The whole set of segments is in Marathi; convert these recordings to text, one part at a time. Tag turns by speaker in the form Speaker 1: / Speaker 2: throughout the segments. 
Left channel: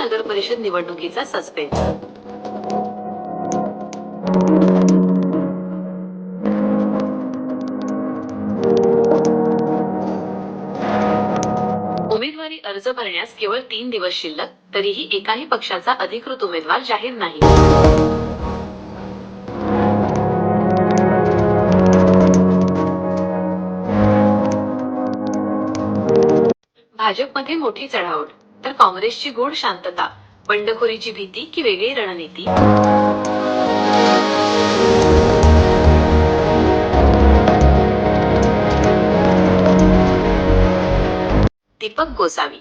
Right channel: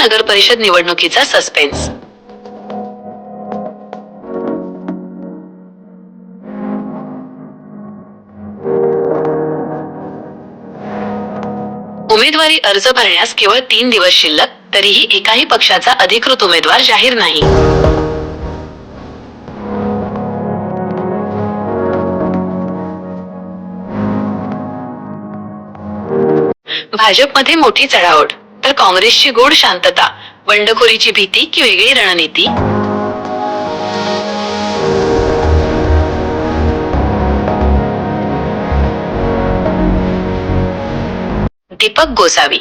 Speaker 1: नगर परिषद निवडणुकीचा सस्पेन्स उमेदवारी अर्ज भरण्यास केवळ तीन दिवस शिल्लक तरीही एकाही पक्षाचा अधिकृत उमेदवार जाहीर नाही. भाजपमध्ये मोठी चढाओढ. तर काँग्रेसची गोड शांतता बंडखोरीची भीती की वेगळी रणनीती? दीपक गोसावी.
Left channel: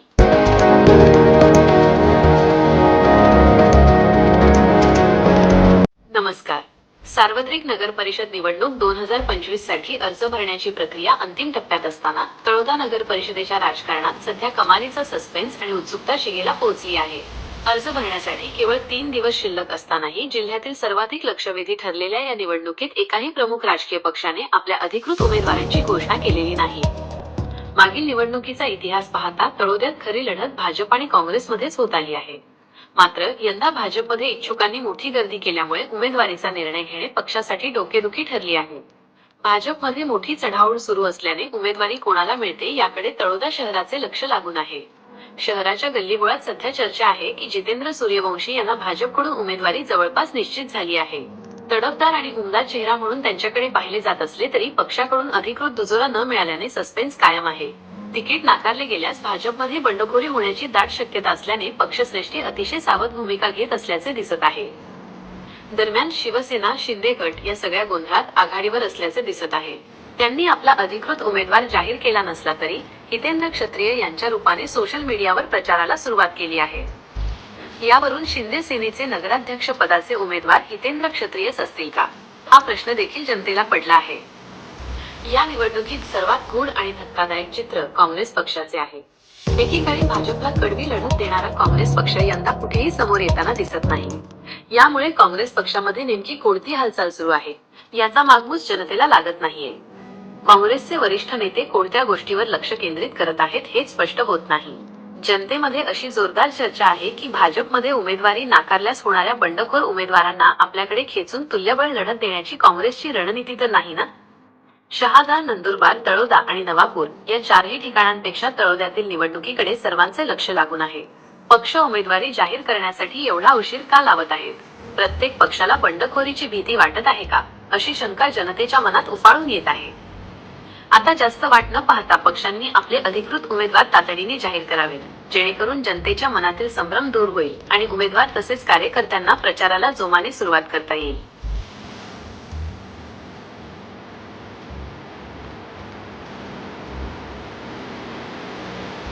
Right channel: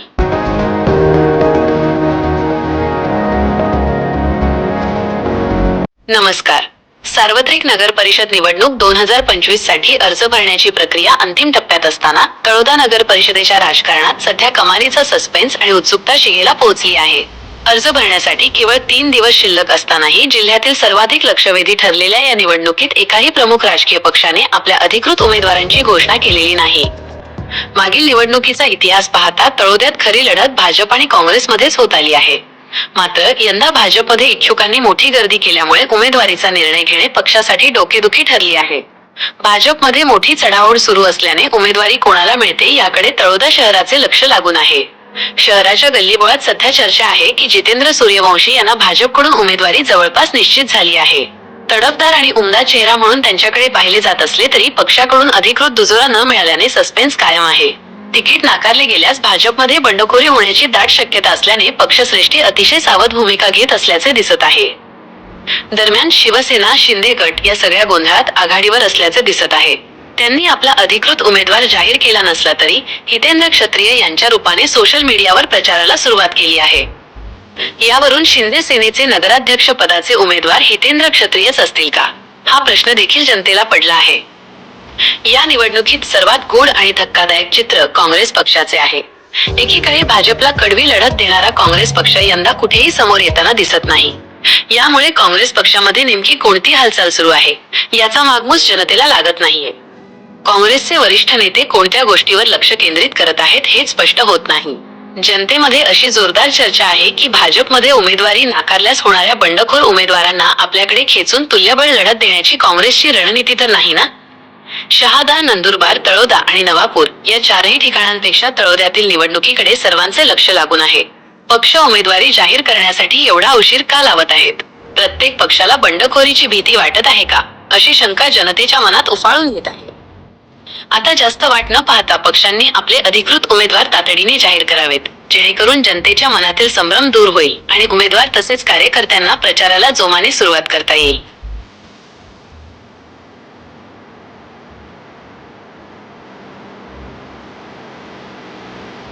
Speaker 1: नमस्कार. सार्वत्रिक नगर परिषद निवडणूक दोन हजार पंचवीससाठी अर्ज भरण्याची प्रक्रिया अंतिम टप्प्यात असताना तळोदा नगर परिषदेच्या राजकारणात सध्या कमालीचा सस्पेन्स आणि उत्सुकता शिगेला पोहोचली आहे. अर्ज भरण्यासाठी केवळ तीन दिवस शिल्लक असतानाही जिल्ह्यातील सर्वाधिक लक्षवेधी ठरलेल्या या निवडणुकीत एकाही प्रमुख राजकीय पक्षाने आपल्या अधिकृत उमेदवारांची घोषणा केलेली नाही. मागील निवडणुकीचा इतिहास पाहता तळोद्यात खरी लढत भाजप आणि काँग्रेसमध्येच होत आली आहे. मात्र यंदा भाजपमध्ये इच्छुकांनी मोठी गर्दी केल्यामुळे उमेदवारीचा निर्णय घेणे पक्षासाठी डोकेदुखी ठरली आहे. भाजपमध्ये मोठी चढाओढ सुरू असल्याने उमेदवारी कोणाला मिळते याकडे तळोदा शहराचे लक्ष लागून आहे. शहराच्या गल्लीबोळात सध्या चर्चा आहे की जितेंद्र सूर्यवंशी यांना भाजपकडून उमेदवारी जवळपास निश्चित झाली आहे. तडफदार आणि उमदा चेहरा म्हणून त्यांच्याकडे पाहिले जात असले तरी पक्षाकडून अधिकृत दुजोरा न मिळाल्याने सस्पेन्स कायम आहे. तिकीट नाकारले गेल्यास भाजपमध्ये बंडखोरी होण्याची दाट शक्यता असल्याने पक्षश्रेष्ठी अतिशय सावध भूमिका घेत असल्याचे दिसत आहे. दरम्यान शिवसेना शिंदे गट या सगळ्या गोंधळात आघाडीवर असल्याचे दिसत आहे. त्यांनी आपला अधिकृत उमेदवार जाहीर केला नसला तरी हितेंद्र क्षत्रिय यांच्या रूपाने सोशल मीडियावर प्रचाराला सुरुवात केली आहे. यावरून शिंदे सेनेचे नगराध्यक्ष पदाचे उमेदवार हितेंद्र क्षत्रियच असतील का? हा प्रश्न देखील जनतेला पडला आहे. या निवडणुकीत सर्वात गूढ आणि धक्कादायक चित्र काँग्रेस पक्षाचे आहे. एकीकडे भाजपला कडवी लढत देणारा काँग्रेस पक्ष यंदा कुठेही समोर येताना दिसत नाही. यामुळे काँग्रेस पक्षामध्ये नेमकी कोणती हालचाल सुरू आहे? याचा मागमूस जनतेला लागत नाहीये. काँग्रेसचे वरिष्ठ नेते कोणत्या गोष्टीवर लक्ष केंद्रित करत आहेत हे स्पष्ट होत नाही. जनतेमध्ये अशी जोरदार चर्चा आहे की भाजपमध्ये उमेदवारी नाकारल्यास होणाऱ्या बंडखोर उमेदवारांना आपल्याकडे खेचून तुल्यबळ लढत देण्याची काँग्रेसची रणनीती तर नाही ना? शहादा नंदुरबार तळोदा आणि नवापूर या चारही ठिकाणांपेक्षा तळोद्यातील निवडणुकीकडे सर्वांचे लक्ष लागून आहे. पक्ष उमेदवारी जाहीर करण्यासाठी एवढा उशीर का लावत आहेत? प्रत्येक पक्षाला बंडखोरीची भीती वाटत आहे का? अशी शंका जनतेच्या मनात उफाळून येत आहे. आता जास्त वाट न पाहता पक्षांनी आपले अधिकृत उमेदवार तातडीने जाहीर करावेत जेणेकरून जनतेच्या मनातील संभ्रम दूर होईल आणि उमेदवार तसेच कार्यकर्त्यांना प्रचाराला जोमाने सुरुवात करता येईल.